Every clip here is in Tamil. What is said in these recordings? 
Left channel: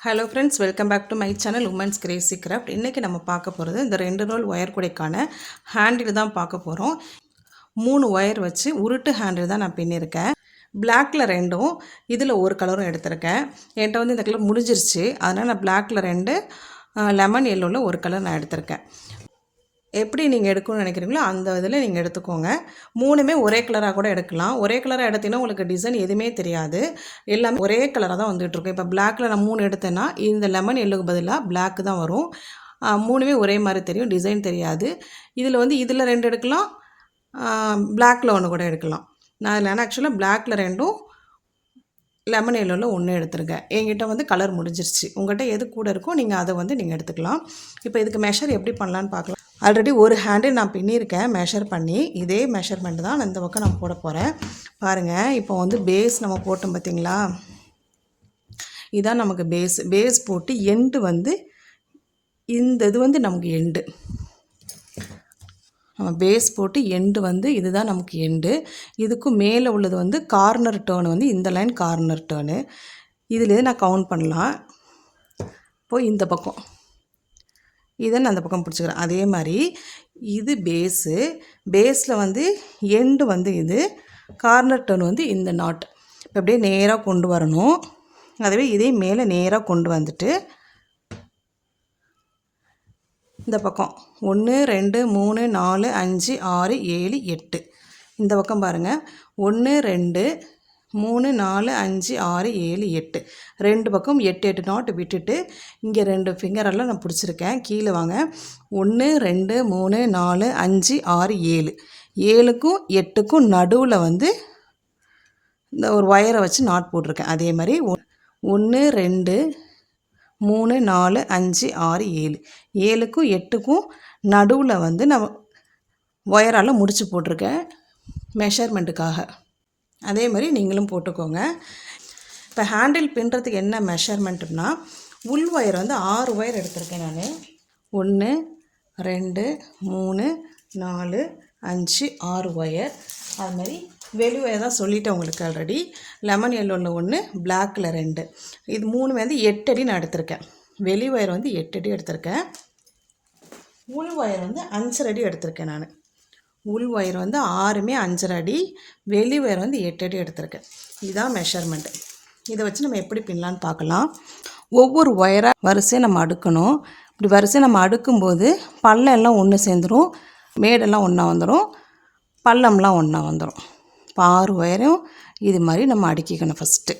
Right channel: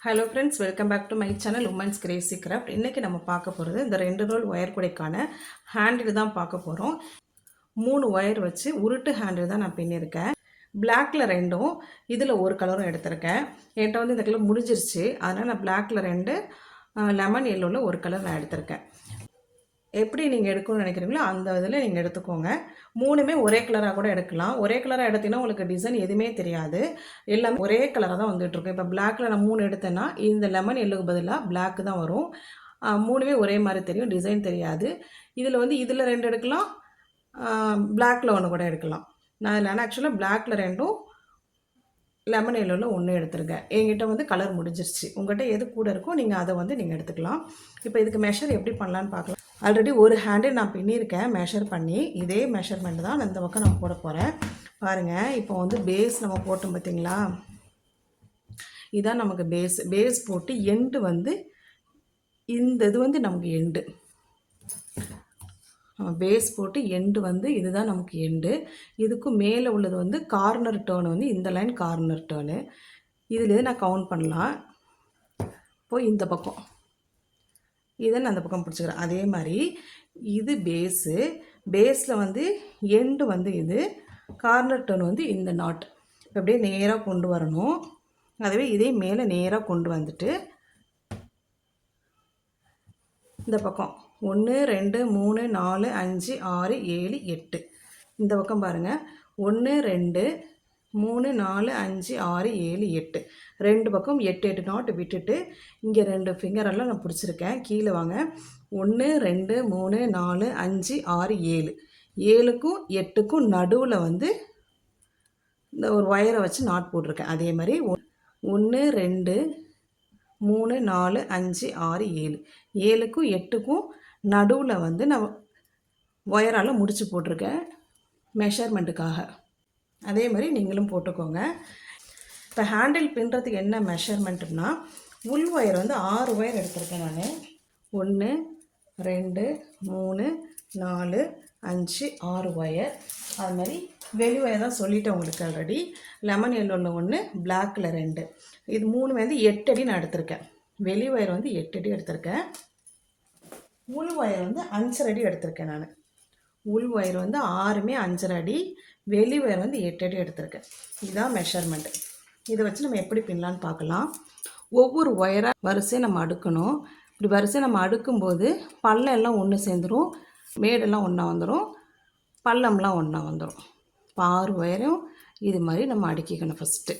Hello friends welcome back to my channel women's crazy craft இன்றைக்கி நம்ம பார்க்க போகிறது இந்த ரெண்டு ரோல் ஒயர் கூடைக்கான ஹேண்டில் தான் பார்க்க போகிறோம் மூணு ஒயர் வச்சு உருட்டு ஹேண்டில் தான் நான் பின்னிருக்கேன். பிளாக்கில் ரெண்டும் இதில் ஒரு கலரும் எடுத்திருக்கேன். என்கிட்ட வந்து இந்த கலர் முடிஞ்சிருச்சு. அதனால் நான் பிளாக்கில் ரெண்டு லெமன் எல்லோவில் ஒரு கலர் நான் எடுத்திருக்கேன். எப்படி நீங்கள் எடுக்கணும்னு நினைக்கிறீங்களோ அந்த இதில் நீங்கள் எடுத்துக்கோங்க. மூணுமே ஒரே கலராக கூட எடுக்கலாம். ஒரே கலராக எடுத்தீங்கன்னா உங்களுக்கு டிசைன் எதுவுமே தெரியாது. எல்லாமே ஒரே கலராக தான் வந்துகிட்ருக்கும் இப்போ பிளாக்கில் நான் மூணு எடுத்தேன்னா இந்த லெமன் எல்லுக்கு பதிலாக பிளாக் தான் வரும். மூணுமே ஒரே மாதிரி தெரியும். டிசைன் தெரியாது. இதில் வந்து இதில் ரெண்டு எடுக்கலாம். பிளாக்கில் ஒன்று கூட எடுக்கலாம். நான் இதில் ஆக்சுவலாக பிளாக்கில் ரெண்டும் லெமன் எல்லோவில் ஒன்று எடுத்துருக்கேன். என்கிட்ட வந்து கலர் முடிஞ்சிருச்சு. உங்கள்கிட்ட எது கூட இருக்கோ நீங்கள் அதை வந்து நீங்கள் எடுத்துக்கலாம். இப்போ இதுக்கு மெஷர் எப்படி பண்ணலான்னு பார்க்கலாம் ஆல்ரெடி ஒரு ஹேண்டில் நான் பின்னியிருக்கேன். மெஷர் பண்ணி இதே மெஷர்மெண்ட் தான் நான் இந்த பக்கம் நான் போட போகிறேன் பாருங்கள் இப்போ வந்து பேஸ் நம்ம போட்டோம் பார்த்தீங்களா இதான் நமக்கு பேஸ் பேஸ் போட்டு எண்டு வந்து இந்த இது வந்து நமக்கு எண்டு நம்ம பேஸ் போட்டு எண்டு வந்து இதுதான் நமக்கு எண்டு இதுக்கும் மேலே உள்ளது வந்து கார்னர் டேர்ன் வந்து இந்த லைன் கார்னர் டேர்னு இதுலேயே நான் கவுண்ட் பண்ணலாம்? இப்போது இந்த பக்கம். இதை நான் அந்த பக்கம் பிடிச்சிக்கிறேன். அதே மாதிரி இது பேஸு பேஸில் வந்து எண்டு வந்து இது கார்னர் டர்ன் வந்து இந்த நாட் இப்போ அப்படியே நேராக கொண்டு வரணும். அதுவே இதே மேலே நேராக கொண்டு வந்துட்டு இந்த பக்கம். ஒன்று ரெண்டு மூணு நாலு அஞ்சு ஆறு ஏழு எட்டு. இந்த பக்கம் பாருங்கள் ஒன்று ரெண்டு மூணு நாலு அஞ்சு ஆறு ஏழு எட்டு. ரெண்டு பக்கம் எட்டு எட்டு நாட்டு விட்டுட்டு இங்கே ரெண்டு ஃபிங்கரெல்லாம் நான் பிடிச்சிருக்கேன். கீழே வாங்க. ஒன்று ரெண்டு மூணு நாலு அஞ்சு ஆறு ஏழு. ஏழுக்கும் எட்டுக்கும் நடுவில் வந்து இந்த ஒரு ஒயரை வச்சு நாட் போட்டிருக்கேன். அதே மாதிரி ஒன்று ரெண்டு மூணு நாலு அஞ்சு ஆறு ஏழு. ஏழுக்கும் எட்டுக்கும் நடுவில் வந்து நான் ஒயரால் முடித்து போட்டிருக்கேன். மெஷர்மெண்ட்டுக்காக அதே மாதிரி நீங்களும் போட்டுக்கோங்க. இப்போ ஹேண்டில் பின்னுறதுக்கு என்ன மெஷர்மெண்ட்னா உள் ஒயர் வந்து ஆறு ஒயர் எடுத்திருக்கேன் நான். ஒன்று ரெண்டு மூணு நாலு அஞ்சு ஆறு ஒயர் அது மாதிரி வெளி ஒயர் தான் சொல்லிட்டேன் உங்களுக்கு ஆல்ரெடி லெமன் எல்லோவில் ஒன்று பிளாக்கில் ரெண்டு. இது மூணு வந்து எட்டு அடி நான் எடுத்திருக்கேன். வெளி ஒயர் வந்து எட்டு அடி எடுத்திருக்கேன். உள் ஒயர் வந்து அஞ்சரை அடி எடுத்திருக்கேன் நான். உள் ஒயர் வந்து ஆறுமே அஞ்சரை அடி வெளி ஒயர் வந்து எட்டு அடி எடுத்திருக்கேன் இதுதான் மெஷர்மெண்ட்டு இதை வச்சு நம்ம எப்படி பின்னலான்னு பார்க்கலாம். ஒவ்வொரு ஒயராக வரிசையை நம்ம அடுக்கணும். இப்படி வரிசையை நம்ம அடுக்கும்போது பள்ளம் எல்லாம் ஒன்று சேர்ந்துடும் மேடெல்லாம் ஒன்றா வந்துடும் பள்ளம்லாம் ஒன்றா வந்துடும் இப்போ ஆறு ஒயரும் இது மாதிரி நம்ம அடுக்கிக்கணும் ஃபஸ்ட்டு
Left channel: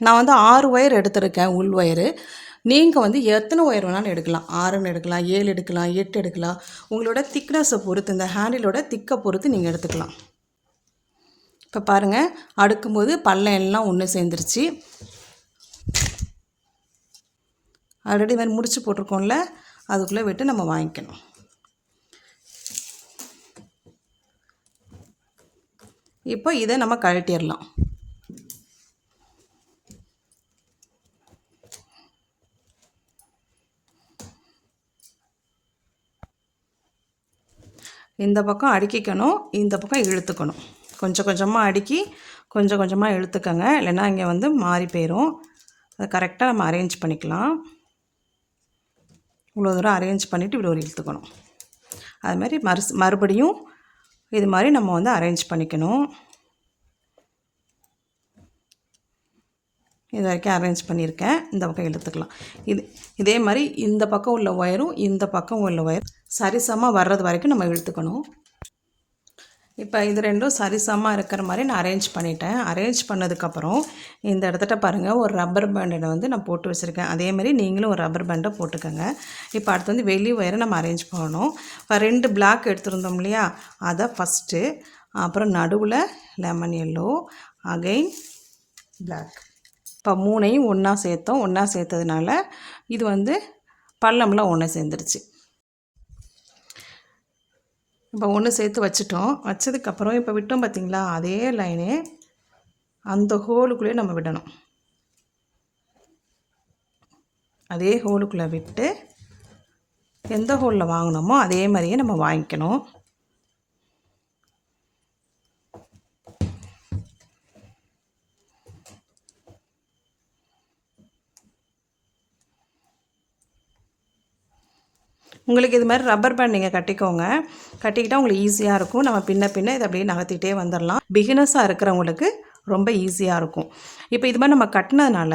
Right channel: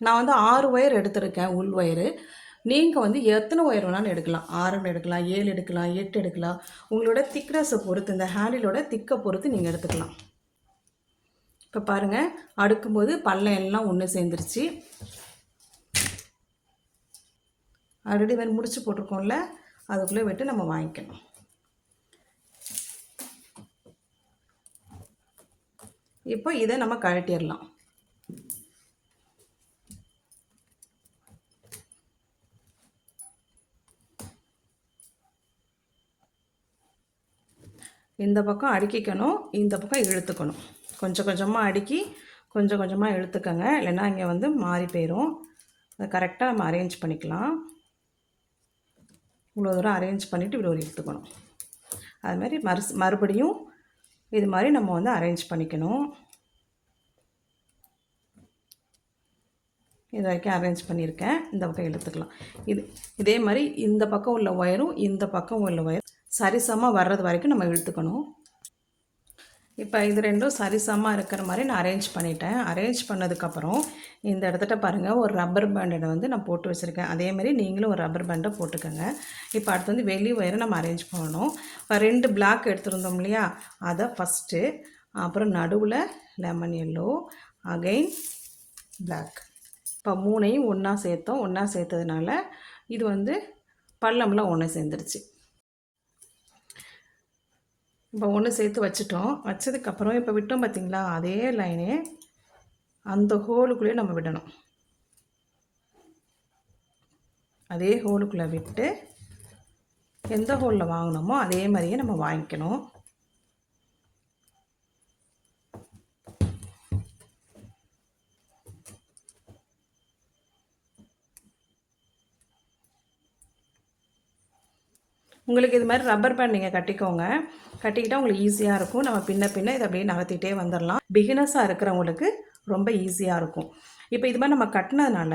நான் வந்து ஆறு ஒயர் எடுத்திருக்கேன் உள் ஒயரு நீங்கள் வந்து எத்தனை ஒயர் வேணாலும் எடுக்கலாம். ஆறுன்னு எடுக்கலாம் ஏழு எடுக்கலாம் எட்டு எடுக்கலாம். உங்களோட திக்னஸை பொறுத்து இந்த ஹேண்டிலோட திக்கை பொறுத்து நீங்கள் எடுத்துக்கலாம். இப்போ பாருங்கள் அடுக்கும்போது பல்லையெல்லாம் எல்லாம் ஒன்று சேர்ந்துருச்சு. ஆல்ரெடி மாதிரி முடிச்சு போட்டிருக்கோம்ல அதுக்குள்ளே விட்டு நம்ம வாங்கிக்கணும். இப்போ இதை நம்ம கழட்டிடலாம். இந்த பக்கம் அடுக்கிக்கணும் இந்த பக்கம் இழுத்துக்கணும். கொஞ்சம் கொஞ்சமாக அடுக்கி கொஞ்சம் கொஞ்சமாக இழுத்துக்கங்க. இல்லைன்னா இங்கே வந்து மாறி போயிடும் அதை கரெக்டாக நம்ம அரேஞ்ச் பண்ணிக்கலாம். இவ்வளோ தூரம் அரேஞ்ச் பண்ணிவிட்டு இப்படி ஒரு இழுத்துக்கணும். அது மாதிரி மறு மறுபடியும் இது மாதிரி நம்ம வந்து அரேஞ்ச் பண்ணிக்கணும். இது வரைக்கும் அரேஞ்ச் பண்ணியிருக்கேன். இந்த பக்கம் இழுத்துக்கலாம் இது இதே மாதிரி இந்த பக்கம் உள்ள ஒயரும் இந்த பக்கம் உள்ள ஒயர் சரிசமாக வர்றது வரைக்கும் நம்ம இழுத்துக்கணும். இப்போ இது ரெண்டும் சரிசமாக இருக்கிற மாதிரி நான் அரேஞ்ச் பண்ணிட்டேன். அரேஞ்ச் பண்ணதுக்கப்புறம் இந்த இடத்துல பாருங்கள் ஒரு ரப்பர் பேண்டை வந்து நான் போட்டு வச்சுருக்கேன். அதேமாதிரி நீங்களும் ஒரு ரப்பர் பேண்டை போட்டுக்கோங்க. இப்போ அடுத்து வந்து வெளி ஒயரை நம்ம அரேஞ்ச் பண்ணணும். இப்போ ரெண்டு பிளாக் எடுத்துருந்தோம் இல்லையா? அதை ஃபஸ்ட்டு அப்புறம் நடுவில் லெமன் எல்லோ அகைன் பிளாக் இப்போ மூணையும் ஒன்றா சேர்த்தோம். ஒன்றா சேர்த்ததுனால இது வந்து பள்ளம்லாம் ஒன்று சேர்ந்துருச்சு. இப்போ ஒன்று சேர்த்து வச்சுட்டோம். வச்சதுக்கப்புறம் இப்போ விட்டோம் பார்த்தீங்களா? அதே லைனே அந்த ஹோலுக்குள்ளேயே நம்ம விடணும். அதே ஹோலுக்குள்ளே விட்டு எந்த ஹோலில் வாங்கினோமோ அதே மாதிரியே நம்ம வாங்கிக்கணும். உங்களுக்கு இது மாதிரி ரப்பர் பேண்ட் நீங்கள் கட்டிக்கோங்க. கட்டிக்கிட்டால் உங்களுக்கு ஈஸியாக இருக்கும். நம்ம பின்ன பின்ன இதை அப்படியே நகர்த்திட்டே வந்துடலாம். பிகினஸாக இருக்கிறவங்களுக்கு ரொம்ப ஈஸியாக இருக்கும். இப்போ இது மாதிரி நம்ம கட்டினதுனால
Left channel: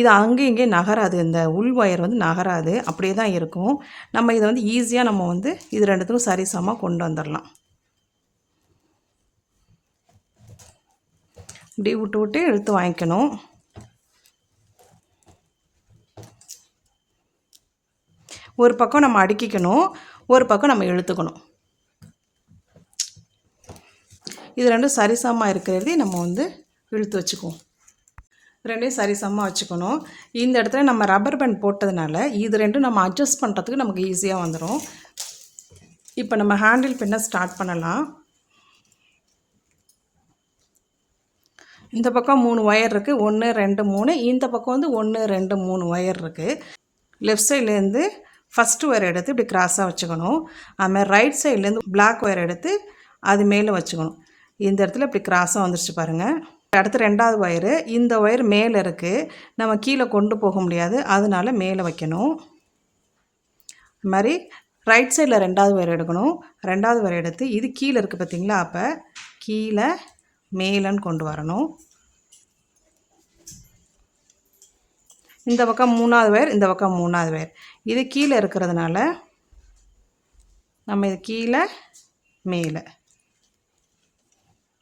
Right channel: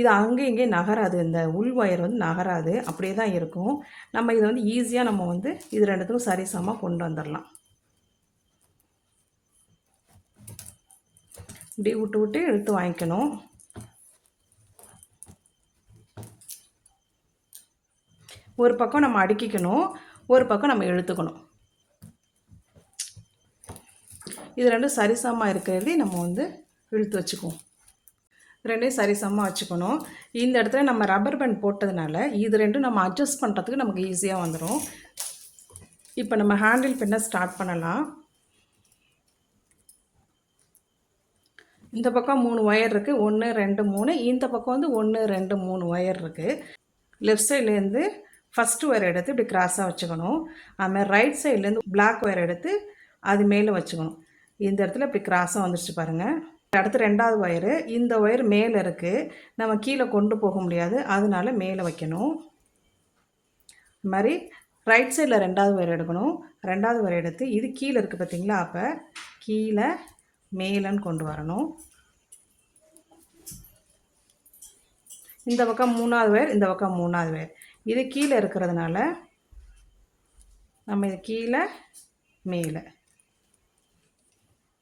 இது அங்கே இங்கே நகராது. இந்த உள் ஒயர் வந்து நகராது. அப்படியே தான் இருக்கும். நம்ம இதை வந்து ஈஸியாக நம்ம வந்து இது ரெண்டுத்துக்கும் சரிசமமாக கொண்டு வந்துடலாம். இப்படி விட்டு விட்டு இழுத்து வாங்கிக்கணும். ஒரு பக்கம் நம்ம அடுக்கிக்கணும் ஒரு பக்கம் நம்ம இழுத்துக்கணும். இது ரெண்டும் சரிசமமாக இருக்கிறதே நம்ம வந்து இழுத்து வச்சுக்குவோம். ரெண்டையும் சரிசமமாக வச்சுக்கணும். இந்த இடத்துல நம்ம ரப்பர் பேண்ட் போட்டதுனால இது ரெண்டும் நம்ம அட்ஜஸ்ட் பண்ணுறதுக்கு நமக்கு ஈஸியாக வந்துடும் இப்போ நம்ம ஹேண்டில் பின்ன ஸ்டார்ட் பண்ணலாம். இந்த பக்கம் மூணு ஒயர் இருக்குது ஒன்று ரெண்டு மூணு. இந்த பக்கம் வந்து ஒன்று ரெண்டு மூணு ஒயர் இருக்குது லெஃப்ட் சைட்லேருந்து ஃபஸ்ட்டு ஒயர் எடுத்து இப்படி கிராஸாக வச்சுக்கணும். அதுமாதிரி ரைட் சைட்லேருந்து பிளாக் ஒயர் எடுத்து அது மேலே வச்சுக்கணும். இந்த இடத்துல இப்படி கிராஸாக வந்துருச்சு பாருங்கள் அடுத்து ரெண்டாவது ஒயரு இந்த ஒயர் மேலே இருக்குது நம்ம கீழே கொண்டு போக முடியாது. அதனால மேலே வைக்கணும். இது மாதிரி ரைட் சைடில் ரெண்டாவது ஒயர் எடுக்கணும். ரெண்டாவது ஒயர் எடுத்து இது கீழே இருக்குது பார்த்தீங்களா அப்போ கீழே மேலேன்னு கொண்டு வரணும். இந்த பக்கம் மூணாவது ஒயர் இந்த பக்கம் மூணாவது ஒயர் இது கீழே இருக்கிறதுனால நம்ம இது கீழே மேலே.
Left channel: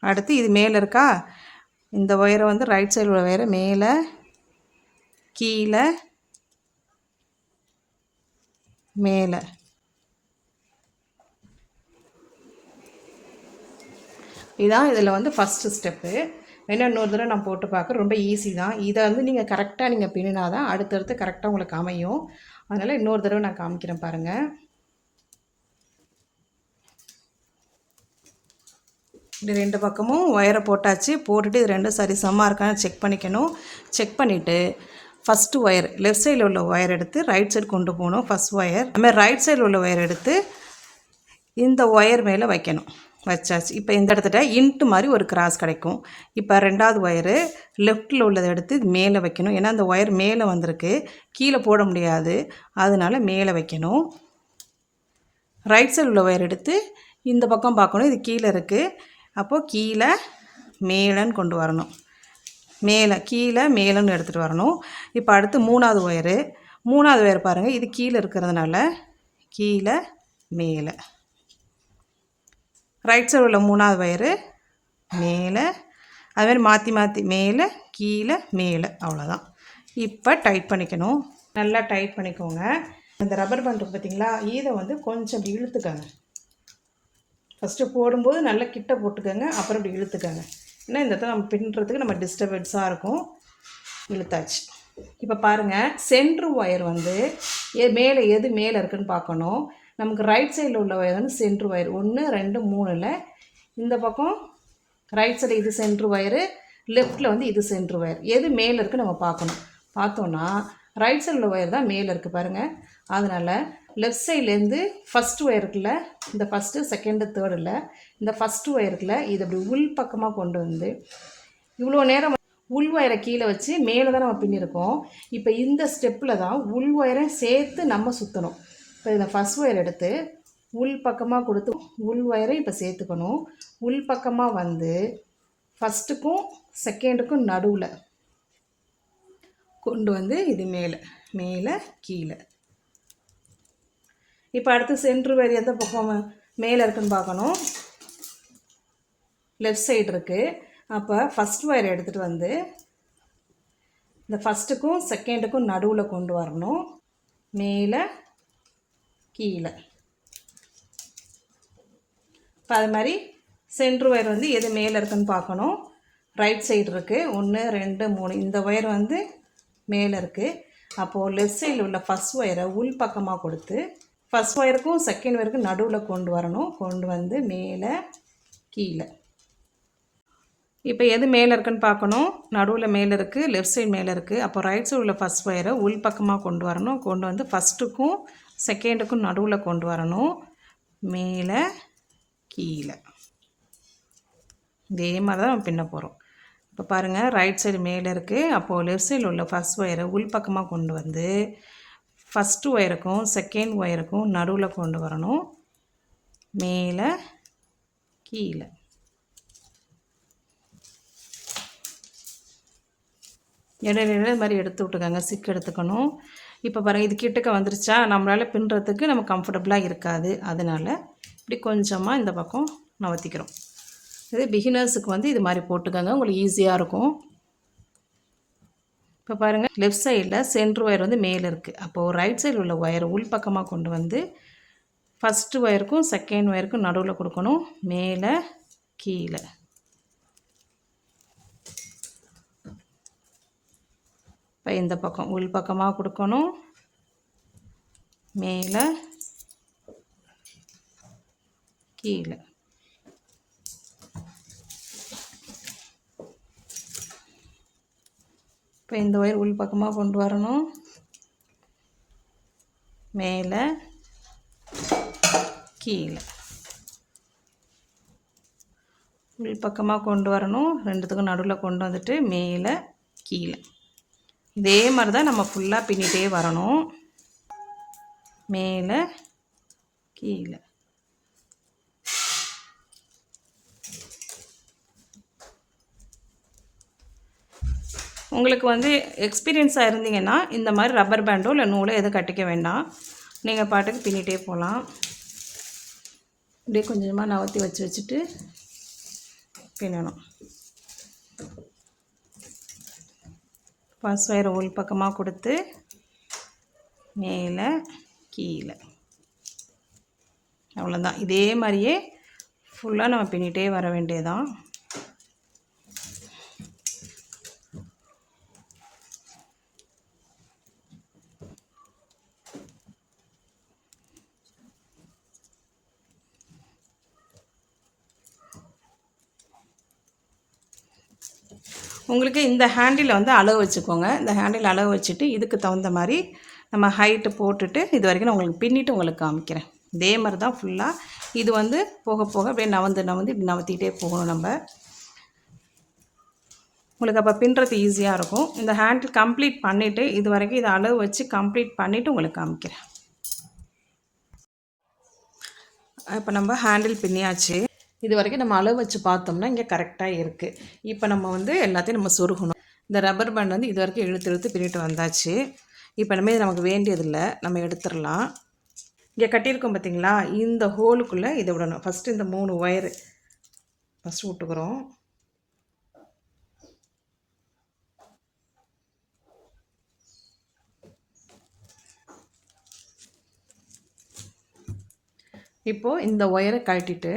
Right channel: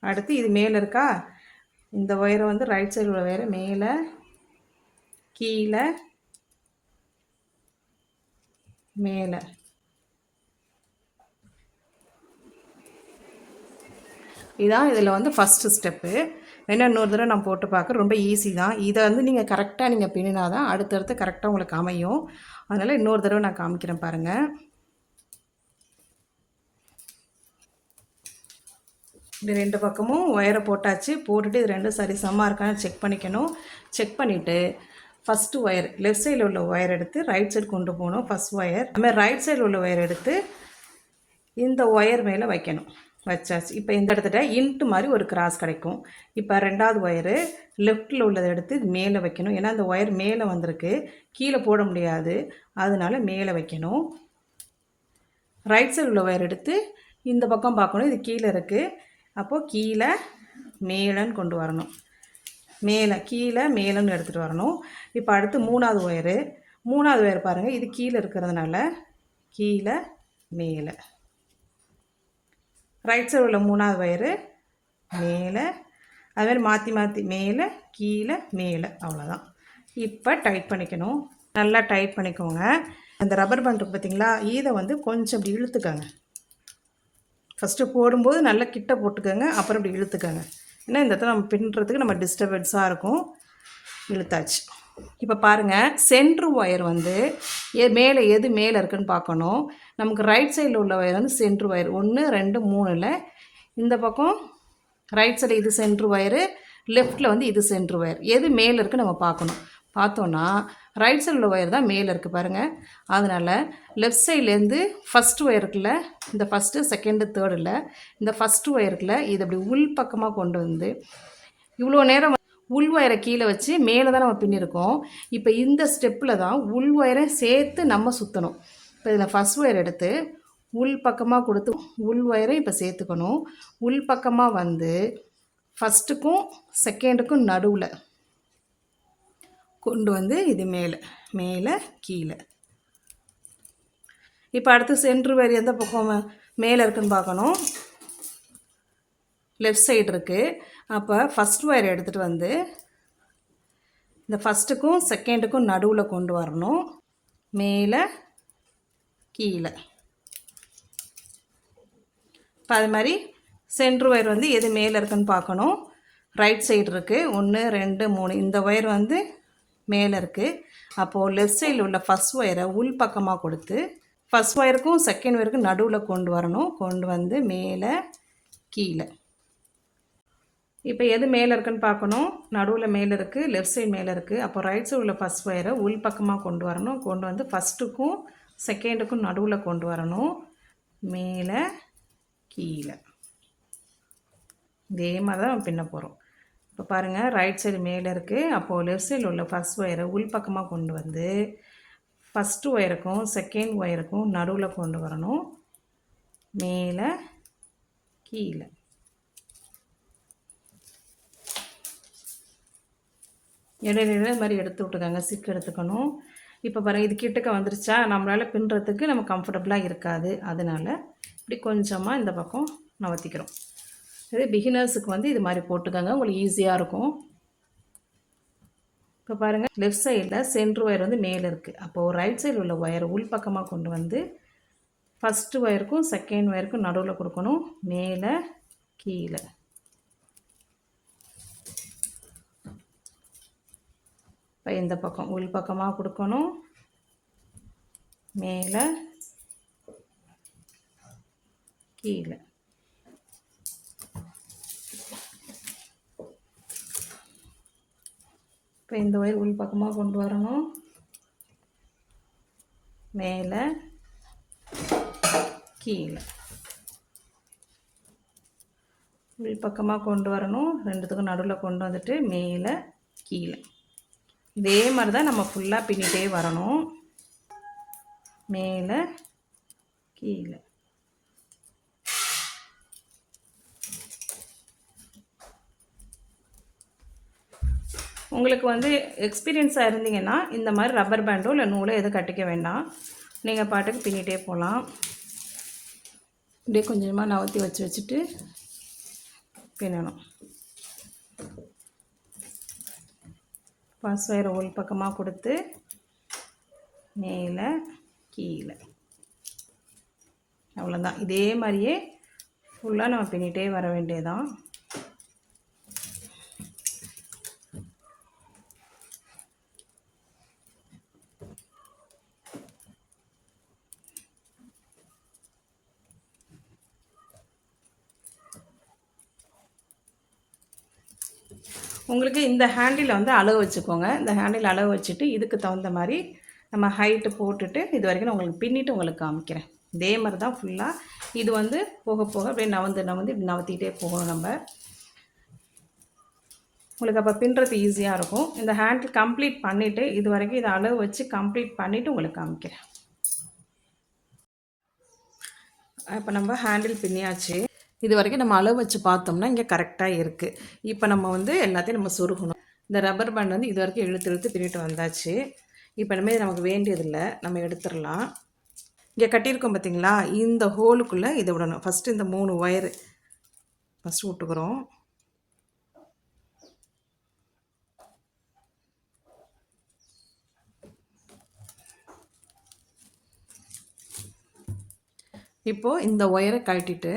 அடுத்து இது மேலே இருக்கா? இந்த ஒயரை வந்து ரைட் சைடு உள்ள ஒயரை மேலே கீழே மேலே. இதுதான் இதில் வந்து ஃபஸ்ட்டு ஸ்டெப்பு வேணா இன்னொரு தடவை நான் போட்டு பார்க்க ரொம்ப ஈஸி தான். இதை வந்து நீங்கள் கரெக்டாக நீங்கள் பின்னினா தான் அடுத்தடுத்து கரெக்டாக உங்களுக்கு அமையும். அதனால் இன்னொரு தடவை நான் காமிக்கிறேன் பாருங்கள் இப்படி ரெண்டு பக்கமும் ஒயரை போட்டாச்சு. போட்டுட்டு இது ரெண்டும் சரி சமமாக இருக்கான்னு செக் பண்ணிக்கணும். செக் பண்ணிவிட்டு ஃபஸ்ட்டு ஒயர் லெஃப்ட் சைடில் உள்ள ஒயர் எடுத்து ரைட் சைடு கொண்டு போகணும் ஃபஸ்ட் ஒயர் அதுமாதிரி ரைட் சைடில் உள்ள ஒயர் எடுத்து இந்த ஒயர் மேலே வைக்கணும். வச்சாச்சு. இப்போ இந்த இடத்துல இன்ட்டு மாதிரி ஒரு கிராஸ் கிடைக்கும். இப்போ ரெண்டாவது ஒயரு லெஃப்ட்டில் உள்ளதை எடுத்து இது மேலே வைக்கணும். ஏன்னா அந்த ஒயர் மேலே வந்திருக்கு. கீழே போட முடியாது. அதனால மேலே வைக்கணும். ரைட் சைடு உள்ள ஒயர் எடுத்து இந்த பக்கம் பார்க்கணும். இது கீழே இருக்குது அப்போது கீழே மேலேன்னு கொண்டு வரணும். மேலே கீழே மேலேன்னு எடுத்துகிட்டு வரணும். இப்போ அடுத்து மூணாவது ஒயரு. மூணாவது ஒயர் பாருங்கள் இது கீழே இருக்கிறதுனால கீழே மேலே. ரைட் சைடு உள்ள மூணாவது வயரு மேலே அதுமாதிரி மாற்றி மாற்றி மேலே கீழே மேலே அவ்வளோதான் இப்போ டைட் பண்ணிக்கணும். நல்லா டைட் பண்ணிக்கோங்க. அந்த ரப்பர் பேண்ட் பார்த்தீங்களா இதை வந்து கொஞ்சம் அப்படி இழுத்துக்கோங்க. ஃபஸ்ட்டு போடும்போது நல்லா கிட்ட போட்டுக்கோங்க. அப்புறம் அப்படி இழுத்துக்கோங்க. ஏன்னா இந்த இடத்துல நம்ம பின்னுறதுக்கு நம்ம டிஸ்டர்பன்ஸாக இருக்கும். இழுத்தாச்சு. இப்போ பாருங்கள் சென்ட்ரு ஒயர் வந்து ஏ மேலே எது மேலே இருக்குன்னு பார்க்கணும். நமக்கு ரைட் சைடில் உள்ள ஒயர் வந்து சென்ட்ரு ஒயர் ஒன்று ரெண்டு மூணில் இந்த பக்கம் ரைட் சைடு இது சென்ட்ரு ஒயரு லெஃப்ட்டில் வந்து இது சென்ட்ரு ஒயர் எது மேலே இருக்குது நம்ம பார்க்கணும். பார்த்தோன்னா ரைட் சைடில் உள்ள ஒயர் தான் மேலே இருக்குது பாருங்கள் அதனால் லெஃப்ட் சைட்லேருந்து ஃபஸ்ட்டு ஒயருக்குள்ள இந்த ஃபஸ்ட்டு செகண்டு தேர்டில் இந்த ஃபஸ்ட்டு ஒயருக்குள்ள இது அப்படி உள் பக்கமாக கொண்டு வந்து இவ்வளோ நேரம் உள் ஒயரை கீழே வச்சு மேலே தான் நம்ம பின்னிருக்கோம். இப்போ இந்த ஸ்டெப்பில் தான் உள் ஒயரை சேர்த்து நம்ம சுற்றணும் இப்போ இதில் ஃபஸ்ட் ஒயர் எடுத்து உள் பக்கமாக கொடுத்து உள் ஒயரை இப்போ சேர்த்துக்கணும். உள் பக்கமாக வந்து ஃபஸ்ட்டுக்கும் செகண்டுக்கும் நடுவில் கொண்டு வந்து இது மேலே மேலே கீழே. இப்போ அடுத்து சென்ட்ரு வரி எந்த பக்கம் மேலே இருக்குன்னு பார்க்கணும். லெஃப்ட் சைடு இருக்குது அப்போ ஃபஸ்ட் ஒயர் எடுத்துகிட்டு வந்து இந்த ஃபஸ்ட்டுக்கும் செகண்டுக்கும் நடுவில் கொண்டு வரணும். மேலே கீழே. இப்போ அது மாதிரி சென்ட்ரு ஒயர் வந்து எது மேலே இருக்குன்னு பார்க்கணும். ரைட் சைடு இருக்குது ஒன்று ரெண்டு மூணு. இந்த ஒயர் வந்து மேலே இருக்குது அப்போது லெஃப்ட் சைடில் உள்ள ஃபஸ்ட் ஒயரை உள் பக்கமாக கொடுத்து ஃபஸ்ட் ஒயருக்கும் செகண்ட் ஒயருக்கும் நடுவில் கொண்டு வரணும். கொண்டு வந்து மேலே கீழே. இப்போ எது மேலே இருக்குன்னு பார்க்கணும். நடுவில் மேலே இருக்குது லெஃப்ட் சைடு மேலே இருக்குது அப்போ ரைட் சைடு உள்ள ஃபஸ்ட் ஒயரை உள் பக்கமாக கொண்டு வரணும். கொண்டு வந்து ஃபஸ்ட்டுக்கும் செகண்டுக்கும் நடுவில் கொண்டு வரணும். மேலே கீழே. இதே மாதிரி தான் நம்ம பின்ன போகிறோம் இப்போ பாருங்கள் ரைட் சைடு மேலே இருக்குது அப்போது லெஃப்ட் சைடில் உள்ள ஃபஸ்ட் ஒயரை உள் பக்கமாக கொண்டு வந்து ஃபஸ்ட்டு ஒயருக்கும் செகண்ட் ஒயருக்கும் நடுவில் கொண்டு வரணும். மேலே கீழே. இடையில இடையில இது மாதிரி எடுத்து விட்டுக்கோங்க. சிக்கு எடுத்துக்கணும். இப்போ பாருங்கள் இது கிட்டக்க வந்துருச்சா? நம்மளால் பின்னுறதுக்கு நம்ம கம்ஃபர்டபுளாக இருக்காது. அதனால் இப்படி கொஞ்சமாக இந்த பக்கம் நவத்திக்கிறோம் இது பிகினர்ஸுக்கு வந்து இது மாதிரி போட்டுக்கோங்க. உங்களுக்கு ஈஸியாக இருக்கும். இப்போ பாருங்கள் லெஃப்ட் சைடில் சென்ட்ரு ஒயர் வந்து மேலே இருக்குது அப்போது ரைட் சைடில் உள்ள ஒயர் உள் பக்கமாக கொண்டு வந்து ஃபஸ்ட்டு ஒயருக்கும் செகண்ட் ஒயருக்கும் நடுவில் கொடுக்கணும். மேலே கீழே. இப்போ இந்த பக்கம் உள் பக்கமாக கொடுக்கணும். மேலே கீழே. இப்போ இந்த ஒயர் உள் பக்கமாக கொண்டு வரணும். மேலே கீழே. உள் பக்கமாக கொண்டு வரணும். ரெண்டுத்துக்கும் நடுவில் கொண்டு வந்துட்டு மேலே கீழே. இதே மாதிரி தான் நம்ம ஃபுல்லாக பின்னிட்டே வரணும். மேலே கீழே. உங்களுக்கு வந்து எக்ஸ்பீரியன்ஸாக இருந்தீங்கன்னா இந்த மாதிரி ரப்பர் பேண்டோ இல்லை நூலோ எதுவும் கட்டிக்க வேண்டாம். நீங்கள் பாட்டுக்கு பின்னிட்டே போகலாம். இப்படியே கொஞ்சமாக நவத்தி வச்சு வச்சுட்டு பின்னணும். ஃபர்ஸ்ட் ஒயரை உள் பக்கமாக கொடுத்து மேலே கீழே. அவ்வளோதான் இதே மாதிரியே ஃபுல்லாக நம்ம பின்னிட்டே வர வேண்டியதான் உங்களுக்கு இந்த ஹேண்டில் வந்து அளவு வச்சுக்கோங்க. இந்த ஹேண்டில் அளவு வச்சுட்டு இதுக்கு தகுந்த மாதிரி நம்ம ஹைட்டு போட்டுட்டு இது வரைக்கும் நான் உங்களுக்கு பின்னிட்டு உங்களுக்கு காமிக்கிறேன். இதே மாதிரி தான் ஃபுல்லாக இது வந்து போக போக அப்படியே நவந்து நவந்து இப்படி நவத்திட்டே போகணும் நம்ம. உங்களுக்கு அப்போ பின்னுறது ஈஸியாக இருக்கும். இந்த ஹேண்டில் கம்ப்ளீட் பண்ணிவிட்டு இது வரைக்கும் இதை அளவு வச்சு கம்ப்ளீட் பண்ணிவிட்டு உங்களுக்கு காமிக்கிறேன். இப்போ நம்ம ஹேண்டில் பின்னியாச்சு. இது வரைக்கும் நம்ம அளவு வச்சு பார்த்தோம்னா இங்கே கரெக்டாக இருக்குது இப்போ நம்ம வந்து எல்லாத்தையும் நம்ம சொருகணும். இந்த ரப்பர் பேண்ட் வந்து இது வரைக்கும் இழுத்து இழுத்து பின்னிட்டு வந்தாச்சு. இப்போ இனிமேல் நமக்கு வேண்டியதில்லை. நம்ம எடுத்துடலாம். இங்கே கட்டியிருக்கோம் பார்த்தீங்களா இந்த ஹோலுக்குள்ளே இதை விடணும். ஃபஸ்ட்டு இந்த மூணு ஒயரு ஃபஸ்ட்டு விட்டுக்கிறோம். இப்போது இந்த ஒயரை கழட்டிட்டு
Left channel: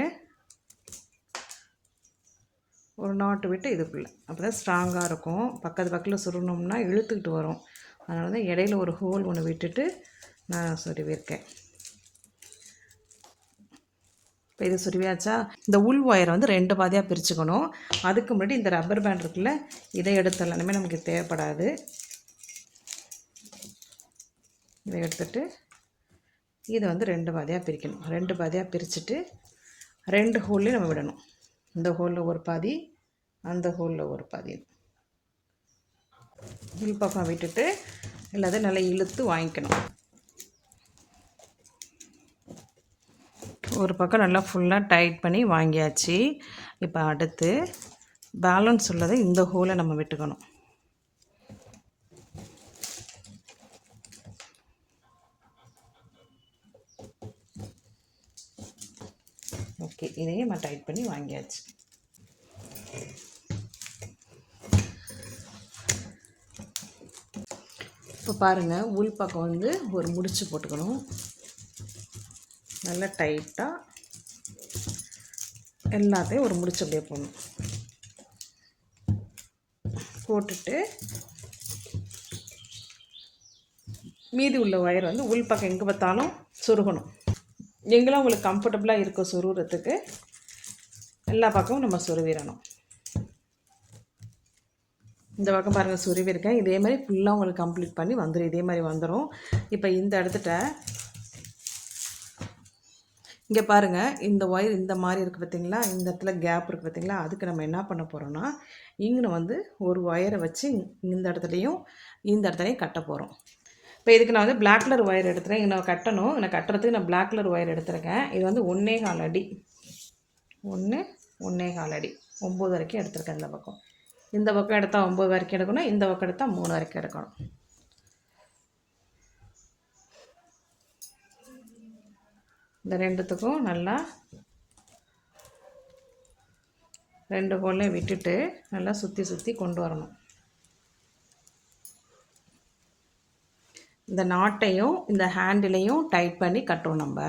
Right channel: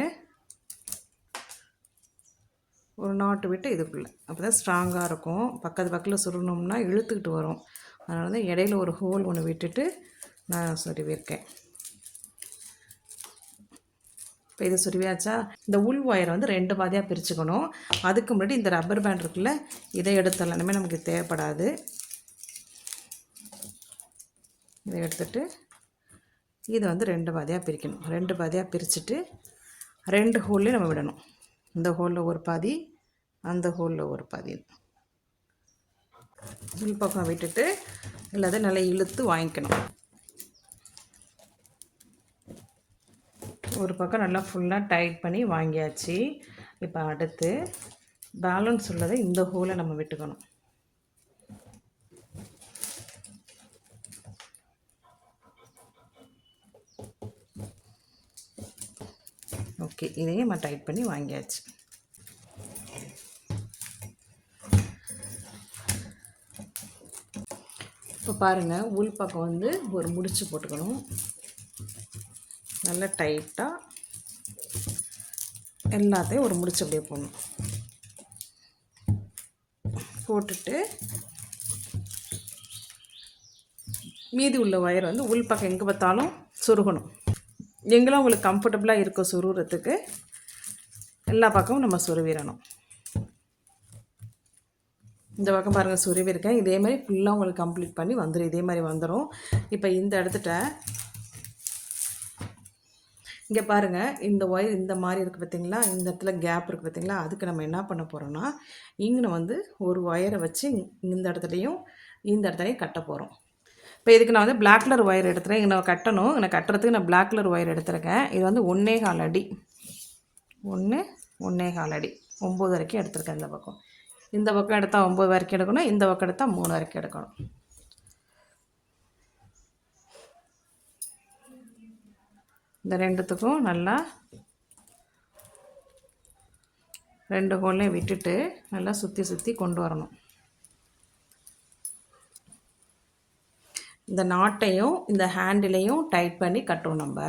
போட்டு விட்டு இதுக்குள்ளே. அப்போ தான் ஸ்ட்ராங்காக இருக்கும். பக்கத்து பக்கத்தில் சுருணும்னா இழுத்துக்கிட்டு வரும். அதனால தான் இடையில ஒரு ஹோல் ஒன்று விட்டுட்டு நான் சொருவிருக்கேன் இப்போ இது சுருவியாச்சா? இந்த உள் ஒயரை வந்து ரெண்டு பாதியாக பிரிச்சுக்கணும். அதுக்கு முன்னாடி இந்த ரப்பர் பேண்ட் இருக்குல்ல இதை எடுத்துடலாம். இனிமேல் நமக்கு தேவைப்படாது. இதை எடுத்துட்டு இதை வந்து ரெண்டு பாதியாக பிரிக்கணும். ரெண்டு பாதியாக பிரிச்சுட்டு ரெண்டு ஹோல்லையும் நம்ம விடணும். இந்த ஹோலில் ஒரு பாதி அந்த ஹோலில் ஒரு பாதி உள் பக்கம் விட்டுட்டு இல்லாத நல்லா இழுத்து வாங்கிக்கணும். ஒரு பக்கம் நல்லா ஃபுல்லாக டைட் பண்ணி வாங்கியாச்சு. இப்போ அடுத்து பேலன்ஸ் உள்ளதை இந்த ஹோலை நம்ம விட்டுக்கணும். ஓகே இதையும் நம்ம டைட் பண்ணி வாங்கியாச்சு. பாருங்கள் உள் பக்கம் வந்து ஒரு முடிச்சு போட்டுக்கணும். நல்லா டைட்டாக எல்லாத்தையும் ஒரு முடிச்சு அப்படியே போடணும். போட்டுட்டு மீதி உள்ள ஒயர் வந்து உள் பக்கம் எங்கே பார்த்தாலும் சொருகணும். எங்கெல்லாம் உங்களுக்கு கம்ஃபர்டபுளாக இருக்கும் சொருகிறதுக்கு எல்லா பக்கமும் நம்ம சொருவிடணும். இந்த பக்கம் பாருங்கள் சுருவி இருக்கேன். இதே மாதிரி ஃபுல்லாக உங்களுக்கு கம்ப்ளீட் பண்ணி வந்துடும் இதே மாதிரி வந்துடும் இப்போ இந்த இடத்துட்ட இங்கே பாருங்கள் இந்த ஒயர் இந்த மாதிரி இருக்குது பார்த்தீங்களா இந்த இடத்துல கேப் இருக்குது பார்த்தீங்களா அதுக்கு நம்ம என்ன பண்ண போகிறோம்னா இங்கே வந்து ஒரு ஒயரை வச்சு இந்த இடத்துலையும் இந்த இடத்துலையும் கட்ட போகிறோம் இப்போ இதுக்கு நான் வந்து பிளாக் கலர் ஒயர் எடுத்துகிறேன் இங்கே நான் கட்டணும். நான் கட்டுறதுக்கு நான் பிளாக் கலர் ஒயர் எடுத்திருக்கேன். இது வந்து ஒன்றே கால் அடி. ஒன்று ஒன்றே கால் அடி. ஒம்பது வரைக்கும் எடுத்துருக்கேன் இந்த பக்கம். இந்த பக்கம் எடுத்தால் ஒம்பது வரைக்கும் எடுக்கணும் இந்த பக்கம் எடுத்தால் மூணு வரைக்கும் எடுக்கணும். இந்த ரெண்டுத்துக்கும் நல்லா ரெண்டு கோலையும் விட்டுட்டு நல்லா சுற்றி சுற்றி கொண்டு வரணும். இந்த நாட்டையும் இந்த ஹேண்டிலையும் டைட் பண்ணி கட்டுவோம் நம்ம.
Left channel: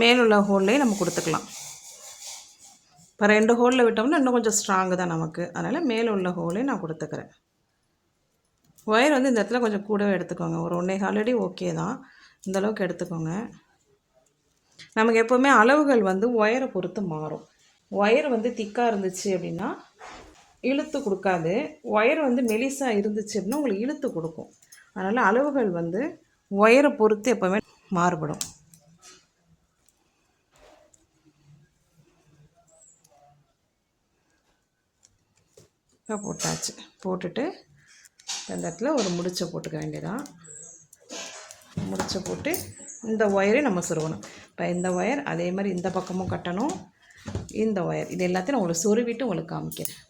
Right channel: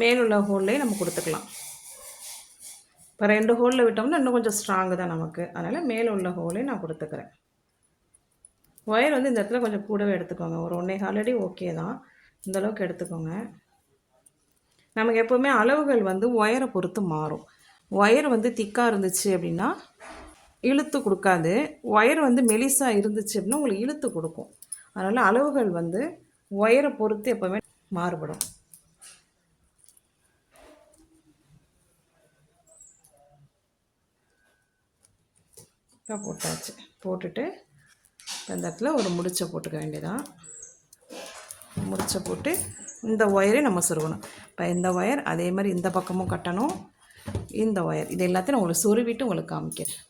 மேலுள்ள ஹோல்லே நம்ம கொடுத்துக்கலாம். இப்போ ரெண்டு ஹோலில் விட்டோம்னா இன்னும் கொஞ்சம் ஸ்ட்ராங்கு தான் நமக்கு. அதனால் மேலே உள்ள ஹோலே நான் கொடுத்துக்கிறேன். ஒயர் வந்து இந்த இடத்துல கொஞ்சம் கூடவே எடுத்துக்கோங்க. ஒரு ஒன்றே ஆல்ரெடி ஓகே தான். இந்த அளவுக்கு எடுத்துக்கோங்க. நமக்கு எப்போவுமே அளவுகள் வந்து ஒயரை பொறுத்து மாறும். ஒயர் வந்து திக்காக இருந்துச்சு அப்படின்னா இழுத்து கொடுக்காது. ஒயர் வந்து மெலிசாக இருந்துச்சு அப்படின்னா உங்களுக்கு இழுத்து கொடுக்கும். அதனால் அளவுகள் வந்து ஒயரை பொறுத்து எப்போவுமே மாறுபடும். போட்டாச்சு. போட்டுட்டு அந்த இடத்துல ஒரு முடிச்சை போட்டுக்க வேண்டியதான் முடிச்சை போட்டு இந்த ஒயரை நம்ம சொருகணும். இப்போ இந்த ஒயர் அதே மாதிரி இந்த பக்கமும் கட்டணும். இந்த ஒயர் இது எல்லாத்தையும் நான் ஒரு சொருவிட்டு உங்களுக்கு காமிக்கிறேன்.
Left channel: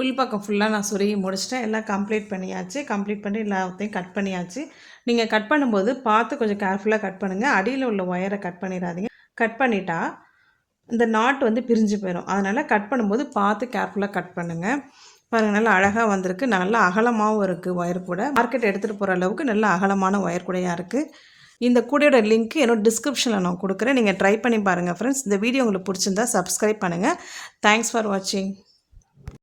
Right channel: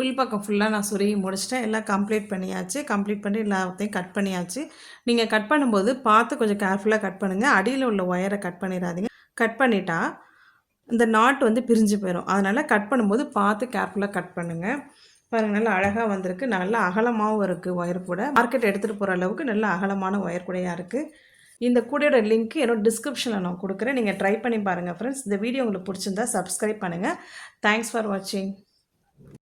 உள் பக்கம் ஃபுல்லாக நான் சொருகி முடிச்சிட்டேன். எல்லாம் கம்ப்ளீட் பண்ணியாச்சு. கம்ப்ளீட் பண்ணி எல்லாத்தையும் கட் பண்ணியாச்சு. நீங்கள் கட் பண்ணும்போது பார்த்து கொஞ்சம் கேர்ஃபுல்லாக கட் பண்ணுங்கள் அடியில் உள்ள ஒயரை கட் பண்ணிடாதீங்க. கட் பண்ணிட்டா இந்த நாட் வந்து பிரிஞ்சு போயிடும் அதனால் கட் பண்ணும்போது பார்த்து கேர்ஃபுல்லாக கட் பண்ணுங்கள் பாருங்கள் நல்லா அழகாக வந்திருக்கு. நல்லா அகலமாகவும் இருக்குது ஒயர் கூட. மார்க்கெட் எடுத்துகிட்டு போகிற அளவுக்கு நல்ல அகலமான ஒயர் கூடையாக இருக்குது இந்த கூடையோட லிங்க் என்னோட டிஸ்கிரிப்ஷனில் நான் கொடுக்குறேன். நீங்கள் ட்ரை பண்ணி பாருங்கள் ஃப்ரெண்ட்ஸ் இந்த வீடியோ உங்களுக்கு பிடிச்சிருந்தா சப்ஸ்கிரைப் பண்ணுங்கள் தேங்க்ஸ் ஃபார் வாட்சிங்